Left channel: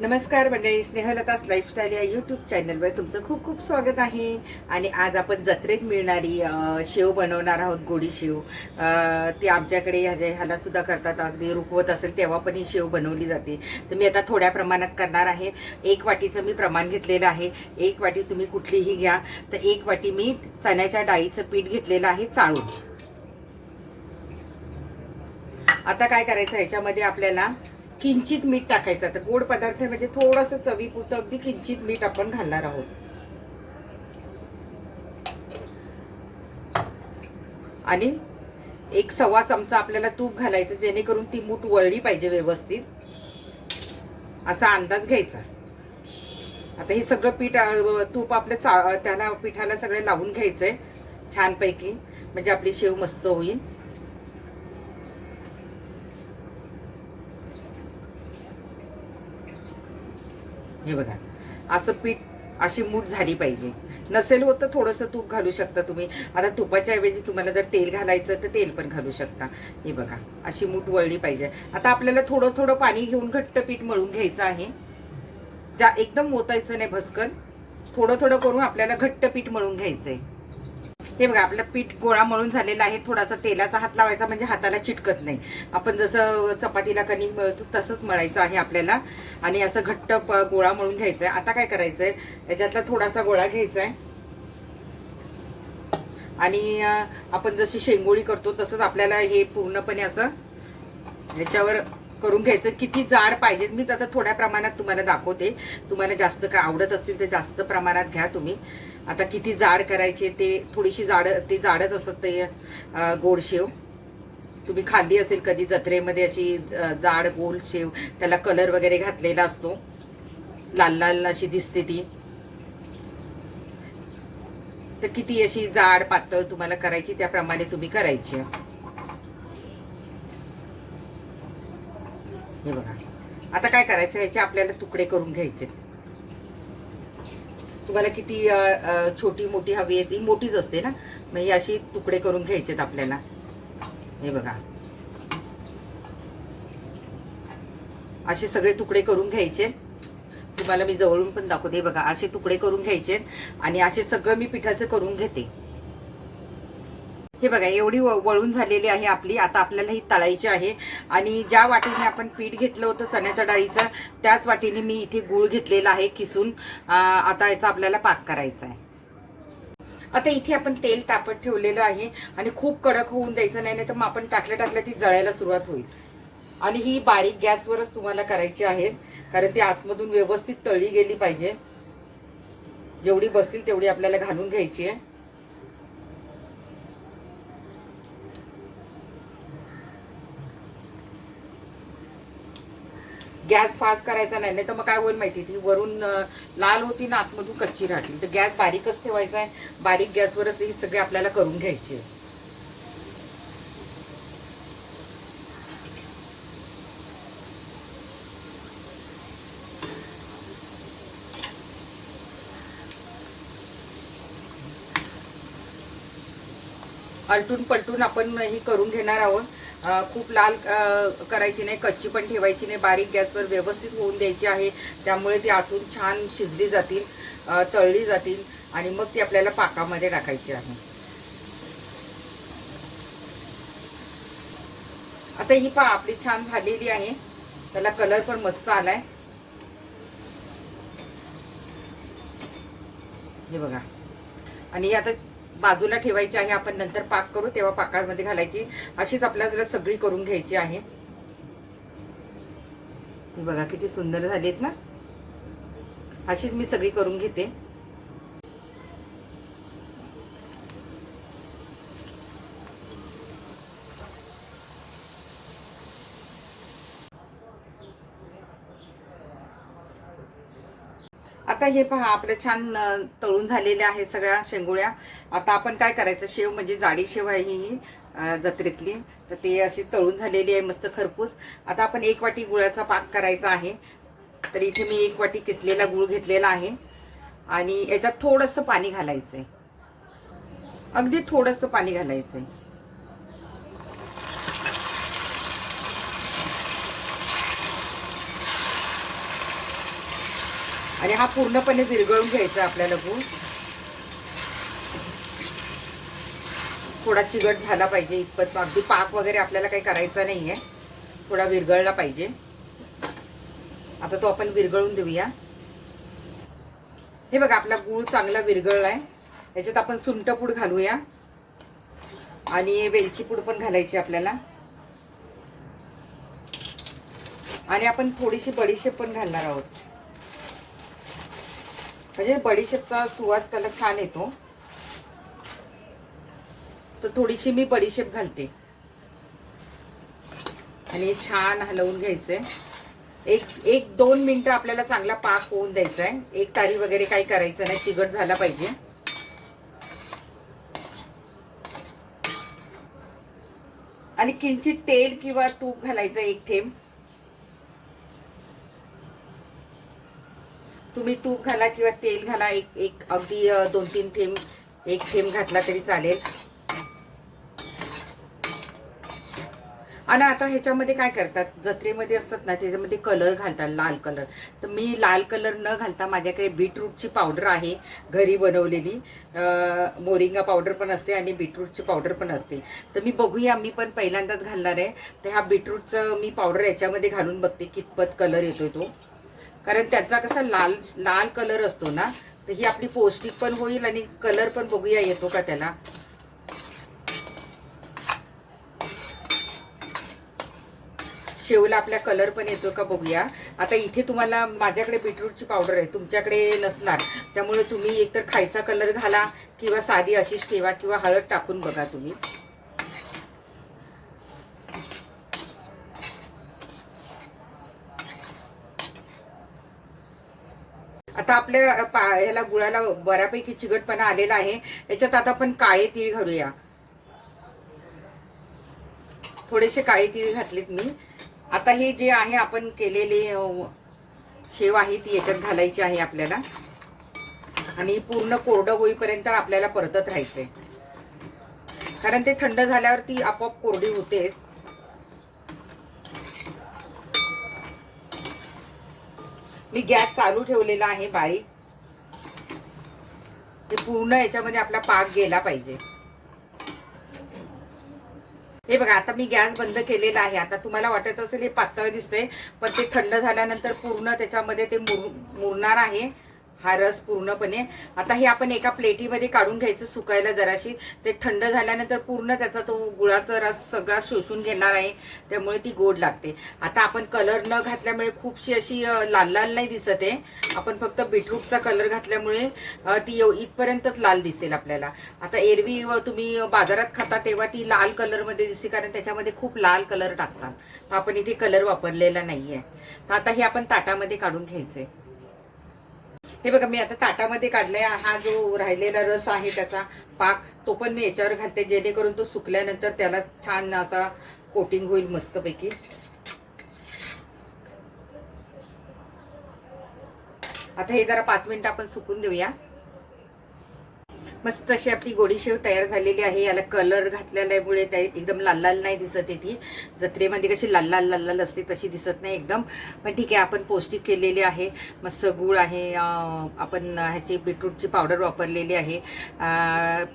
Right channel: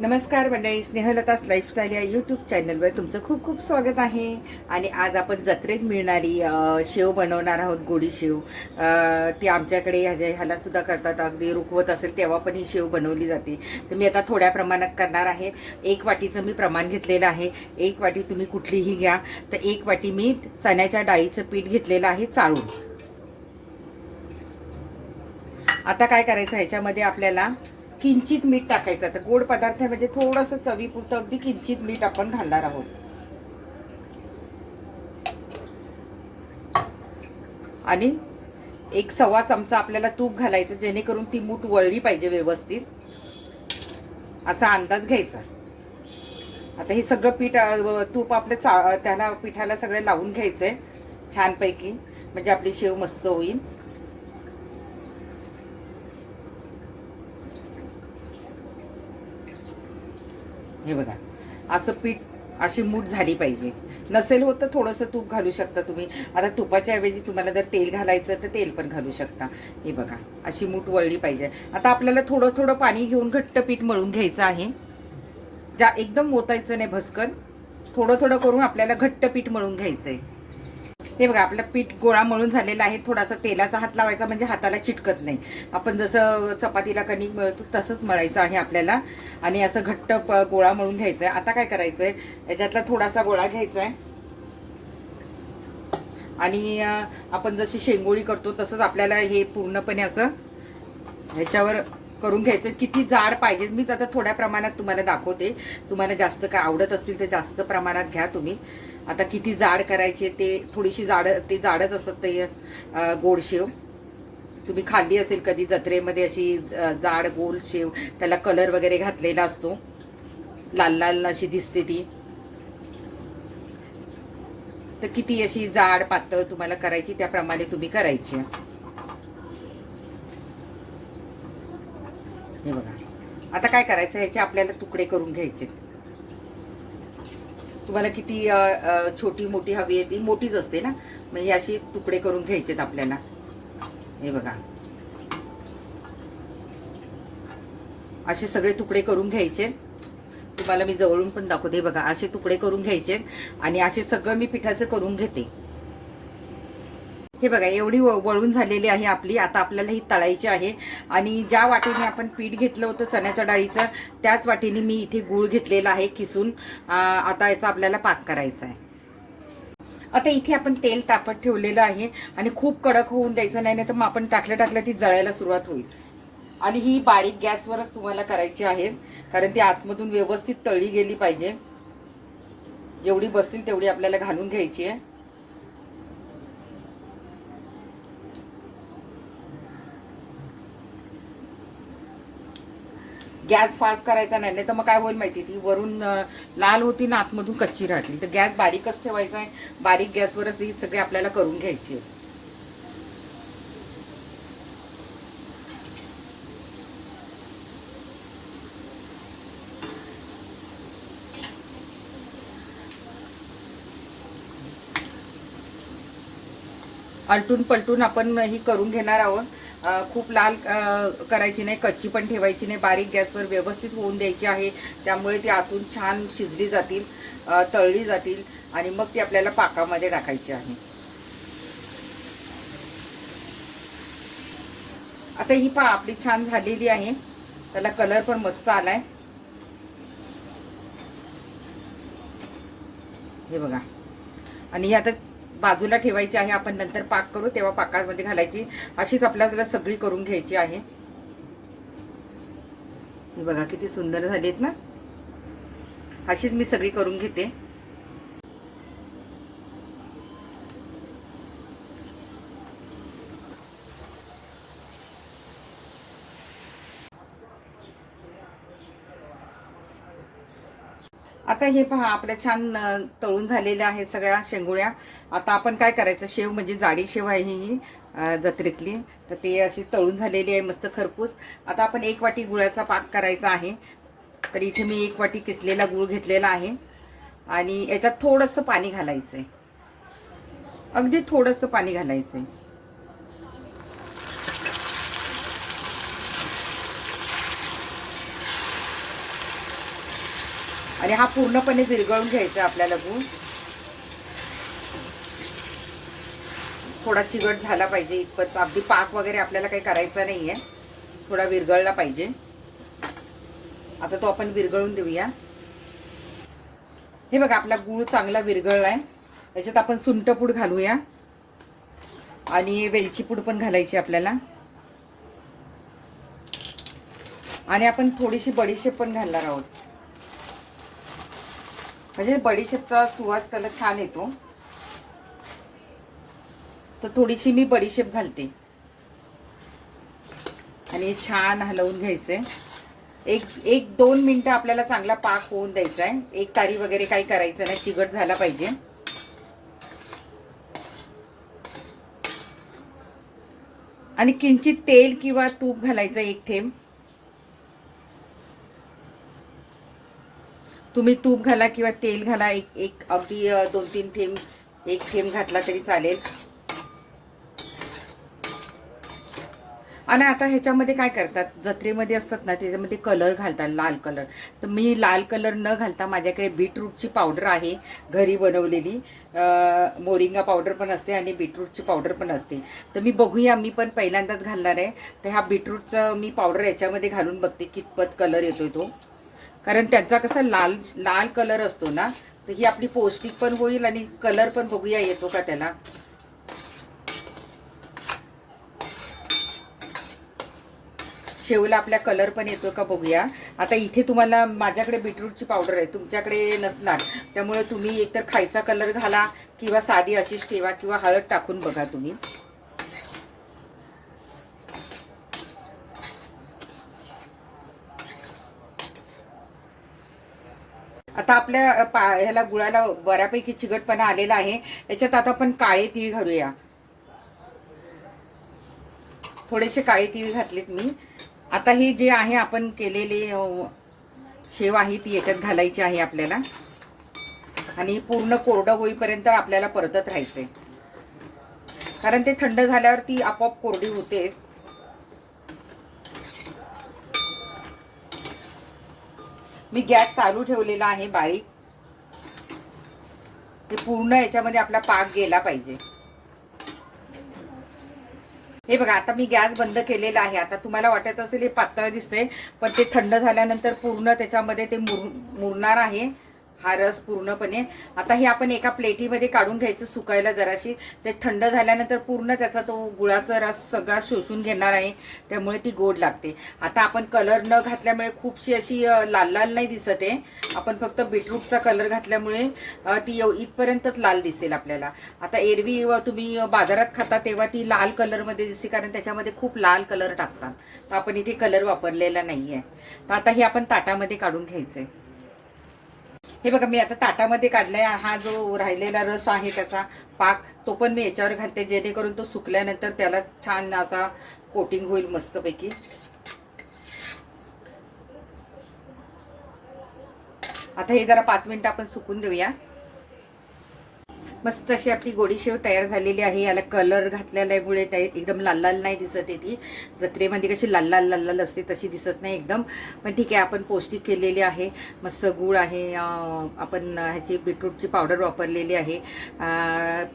नमस्कार मंडळी, स्नेहलता's लाईफस्टाईल या यूट्यूब चॅनलवर तुमचं खूप खूप स्वागत आहे. आणि आज आपण जत्रेत मिळणारी शेव बनवणार आहोत. गोडी शेव ती आमच्याकडे ह्याला सुद्धा करतात. अगदी रुखवत असेल तेव्हा पण ही शेव बनवली जाते. तर मी आता थोड्या प्रमाणात करणार आहे. 1 वाटीचं मी प्रमाण घेतलेलं आहे. 1 वाटी तुम्ही कुठलीही घ्या. तर 1 वाटी मी चण्याच्या डाळीचं पीठ घेतलेलं आहे चाळून. आता काय करायचं, ह्याच्यामध्ये आपल्याला किंचित मीठ टाकायचं. तर गोड पदार्थ म्हणजे थोडंसं चवीपुरतं अगदी किंचित मीठ आपण घालणार आहोत. आणि 1 सव्वा चमचा आपल्याला तूप घालायचं, जेणेकरून ती मूठ वळली पाहिजे व्यवस्थित, असा अंदाज घ्यायचा. आता हे सगळं पीठ तूप आपलं त्याला पिठाला सगळं लावून घ्यायचंय छानपैकी, म्हणजे आपली शेव मस्त होईल. हे बघा, असं पीठ अशी मूठ झाली पाहिजे. नसेल होत तर थोडंसं तूप घालू शकता तुम्ही. आता तुपाच्या ऐवजी तुम्हाला जर तेल घालायचं तर तेल पण घालू शकता. हे बघा, अशी मूठ वळली पाहिजे. आता आपल्याला थोडं थोडं पाणी घेऊन घट्ट पीठ मळून घ्यायचं आहे. एकदम मोतायचं नाही भस्कन, थोडं थोडं करून आपल्याला घट्ट पीठ मळून घ्यायचंय. हे बघा, आपलं पीठ गोळा मळून झालेला आहे. थोडासा तेलाचा हात लावायचा म्हणजे हाताला चिटकत नाही. आपण जसं चपातीला कणिक मळतो तसंच मळायचं आहे आपल्याला. आणि असं घट्ट गोळा मळून घ्यायचा आहे. आता काय करायचंय, याच्यातला थोडासा गोळा घ्यायचा आहे आणि आपण जशी शेंगोळी करतो तसंच आपल्याला हे पूर्णपणे असं ह्याच्यावर करून घ्यायचं. किती जाड पाहिजे मी आता थोड्या प्रमाणात तुम्हाला दाखवते. तुम्हाला जास्त काय आवडत असतील तर जास्त प्रमाणात घ्या तुम्ही. आता किती जाड करायचे ते, थोडीशी जाडच असतात ते गोड शेव. तुम्ही खाल्ली असेल कधी जत्रेमध्ये अशी जाड गोल शेव, त्याला कलर वगैरे घातलेला असतो, लाल लाल अशी दिसते ती. तर किती अशी जाड पातळ तुम्हाला करायची त्याप्रमाणे तुम्ही करायची. हे बघा, आता काय करायचं, ह्याचे आपल्याला तुकडे करून घ्यायचे. तुम्हाला किती छोटी मोठी हवी आहे ती मोठीच असते ना, मग ही अशी तुकडे करून घ्यायचेत आपल्याला. हे बघा, असे सगळे तुकडे करून घ्यायचे. तुम्हाला मी जवळून पण दाखवते. बघा, असे तुकडे करून घ्यायचे आणि असे सगळं मी पिठाचं करून घेते. हे बघा, एवढी वळून झालेली आहे आपली. आता आपल्याला ही तळायची आहे. आणि ज्या वाटीने आपण पीठ घेतलं होतं चण्याच्या डाळीचं, त्याच वाटीने मी इथे गूळ घेतलेला आहे किसून. आता याचा आपल्याला पाक करायचा आहे. आता इथे आपण तेल तापत ठेवलेलं आहे आणि खूप कडक होऊन द्यायचं नाही, तर मग आपण टाकल्या ती जळायला सुरुवात होईल. आणि ही बारीक गॅसवरच तुम्हाला करायची आहे, कारण ती आतमधून व्यवस्थित तळली गेली पाहिजे. जेवढी बसतील तेवढी आपल्याला घालून घ्यायची आहे. गॅस फास्ट करायचा नाही, तर मग काय होईल माहिती, ती वरून लाल होती ना, आतमधून कच्ची राहली. तर गॅस बारीकच ठेवायचा आहे. बारीक गॅसवरच ही सगळी आपल्याला करून घ्यायची आहे. आलटून पलटून आपण ही करून घेणार आहोत. खूप लाल करायची नाही, कच्ची पण ठेवायची नाही. बारीक गॅसवर व्यवस्थित होऊन द्यायची आहे. त्यामुळे ती आतून छान शिजली जातील, तळली जातील आणि मग ती आपल्याला पाकामध्ये टाकायची आहे. आता ही पहा, आपली छान झालेली आहे. त्याला कलर पण मस्त आलाय. हे बघा, आणि आता बाजूला ठेवायची आहे. आपण नंतर पाक करू तेव्हा पाकामध्ये घालायची. अशीच आपल्याला सगळी करून घ्यायची आहे. बघा किती सुंदर झालीत ना. अशीच मी सगळी करून घेते. आता हे पहा, आपलं छान तळून झालेल्या आहे सगळ्या शेंगोळ्या. आता आपण काय करायचं, शेव म्हणजे जाडी शेव आहे ही जत्रेतली, तर ते अशी तळून झालेली आहे मस्त खरपूस. आता आपण 1 वाटी गुळाचा पाक करायचा आहे. तर इथे मी 1 वाटी किसलेला गुळ घेतलेला आहे आणि याच्यात थोडंसं पाणी घालायचंय, अगदी थोडंसं पाणी घालायचंय. आणि हा पूर्णपणे विरघळून घ्यायचा आपल्याला गूळ. थोडा चिकट झाला पाहिजे इतपत, अगदी पाक वगैरे आपल्याला काही करायचा नाहीये, थोडा विरघळला पाहिजे. आता तो आपण विरघळून देऊया. हे बघा आपला गूळ चांगला विरघळलाय. याच्यात आपण सुंठपूड घालूया आणि वेलची पूड पण घालायची आपल्याला. आणि आपण थोडीशी बडीशेप पण घालणार आहोत, म्हणजे बडीशेपचा सुवाद त्याला छान येतो. तर थोडीशी मी बडीशेप घालते आणि छान हलवून घ्यायचंय. एक 2 मिनिटं आपल्याला चांगला पाक होऊन द्यायचा आहे. एक तारी वगैरे काही करायचं नाही, चिकट झाला पाहिजे. आणि किंचित तेल किंवा तूप घालायचं, 1 थेंब. तुम्ही तूप घाला किंवा तेल घाला, एक अगदी 2-3 थेंब, 1 थेंब घातला तरी चालेल. आणि आता ह्याच्यामध्ये काय करतात, जत्रेमध्ये असतात ना, त्याच्यामध्ये कलर घालतात, लाल कलर. तर मी लाल कलर न घालता माझ्याकडे बीटरूटची पावडर आहे घरी बनवलेली. मोरिंगा पावडर पण असते आणि बीटरूटची पावडर पण असते. तर मी बघूया, मी पण पहिल्यांदाच घालणार आहे. तर ह्या बीटरूटचं मी पावडर याच्यामध्ये घालून बघते कितपत कलर येतोय तो. कारण त्याचा कसा लाल लाल कलर असतो ना, तर ही आपली पौष्टिक पण होईल आणि कलर पण बघूया येतो का त्याला. शेवला आपल्या कलर पण येतो का बघूया. आता इथे तुम्हाला, माझ्याकडे बीटरूटची पावडर आहे, तुमच्याकडे नसणार, त्यामुळे तुम्ही एकतर खायचा कलर घाला किंवा साधी अशीच ठेवा किंवा हळद टाकून बघा तुम्ही. आता आपल्या ह्याला गुळाला बऱ्यापैकी चिकटपणा आलेला आहे. याच्यात आता आपण काळे तीळ घालूया. थोडेसे काळे तीळ घातलेत मी. आता हे जे आहे आपण केलेले शेव आहे ती याच्यात घालायची आहे आपल्याला. आणि पूर्ण कोरडं होईपर्यंत आपल्याला परतत राहायचंय, कारण ते थंड झाल्यावर ती आपोआप कोरडी होते. मी गॅस चालू ठेवलेला आहे बारीक. ते पूर्ण याच्यामध्ये आपला पाक गेला पाहिजे. हे बघा आता मी गॅस बंद केलेला आहे. आता तुम्हाला वाटत असेल हे पातळ दिसते, पण ते थंड झाल्यानंतर पूर्ण त्याच्यामध्ये ते मुरणार आहे हा रस पूर्णपणे. आता हे आपण एका प्लेटीमध्ये काढून घ्यायचं सुकायला जराशी. ते थंड झाल्यानंतर पूर्ण त्याचा तो गुळाचा रस सगळा शोषून घेणार आहे, त्यामुळे ती गोड लागते. आता आपण कलर न घातल्यामुळे खूपशी अशी लाल लाल नाही दिसत आहे. आपण फक्त बीटरूटचा कलर घातल्यामुळे ती इथपर्यंतच लाल दिसेल आपल्याला. आता एरवी तुम्ही बाजारात खाता तेव्हा ती लाल कलरमध्ये दिसते, कारण त्याच्यामध्ये खूप लाल कलर टाकतात. तर आपण इथे कलर वापरलेला नाहीये. तर आता हे आपण ताटामध्ये काढून घ्यायचंय. हे बघा मी आता ताटामध्ये काढलाय. हा जो राहिलेला रस आहे त्याचा पाक, तो पण मी याच्यावर घालते, जेणेकरून तो सुकल्यानंतर त्याला छान असा कोटिंग होईल मस्तपैकी. आता हे जरा 5 मिनिटं आपण सुकून देऊया. मस्त अशी आपली गोडी शेव तयार झालेली आहे. याला कलर घातल्यामुळे एकदम लाल लाल नाही दिसत आहे. ती जत्रेमध्ये कशी लाल लाल लाल लाल असते तशी दिसत नाही एकदम. पण ठीक आहे, आपण पौष्टिक केलेली आहे. मस्त गूळ आहे, आपण ह्याची बीटरूटची पावडर वापरलेली आहे.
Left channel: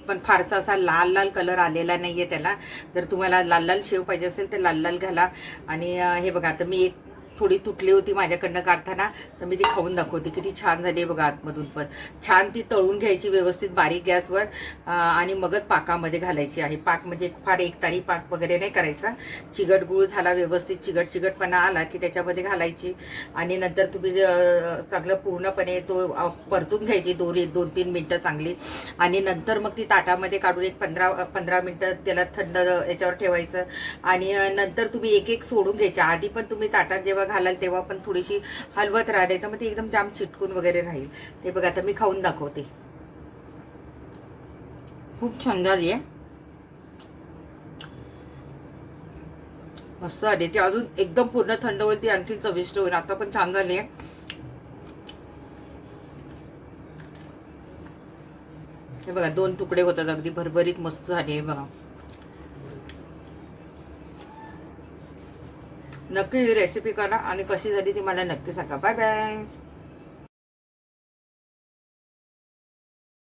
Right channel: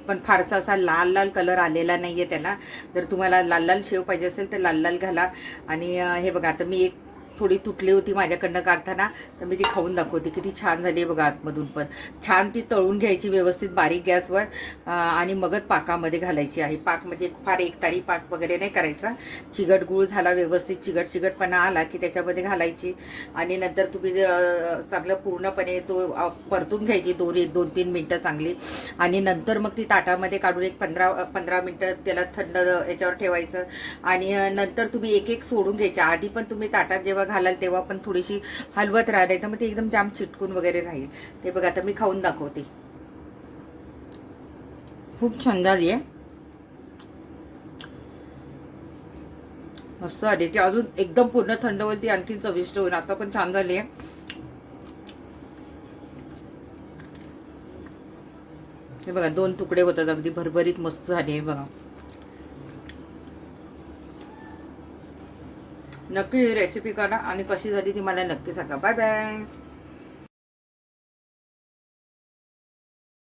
पण फारसा असा लाल लाल कलर आलेला नाही आहे त्याला. जर तुम्हाला लाल लाल शेव पाहिजे असेल तर लाल लाल घाला. आणि हे बघा आता मी एक थोडी तुटली होती माझ्याकडनं काढताना, तर मी ती खाऊन दाखवते. किती छान झाली बघा. आतमधून पण छान ती तळून घ्यायची व्यवस्थित बारीक गॅसवर, आणि मगच पाकामध्ये घालायची आहे. पाक म्हणजे फार एकतारी पाक वगैरे नाही करायचा. चिगट गूळ झाला व्यवस्थित, चिगटपणा आला की त्याच्यामध्ये घालायची. आणि नंतर तुम्ही चांगलं पूर्णपणे तो परतून घ्यायची 2-3 मिनिटं चांगली. आणि नंतर मग ती ताटामध्ये काढून एक 15 मिनिटं त्याला थंड याच्यावर ठेवायचं. आणि नंतर तुम्ही एक सोडून घ्यायच्या. आधी पण तुम्ही ताटात जेव्हा घालाल तेव्हा पण थोडीशी हलवत राहते, तर मग ते एकदम जाम चिटकून वगैरे राहील. ते बघा आता मी खाऊन दाखवते. खूप छान झाली आहे, मस्त आली. ती अजून एकदम पूर्ण थंड होईल, ती आणखी चविष्ट होईल. आता पण छान झाली आहे. हे बघा 2 तुकडे होतात, अगदी भरभरीत मस्त झाली आहे बघा. नक्की ही रेसिपी करा आणि कशी झाली ती मला नक्की सांगा. Bye bye.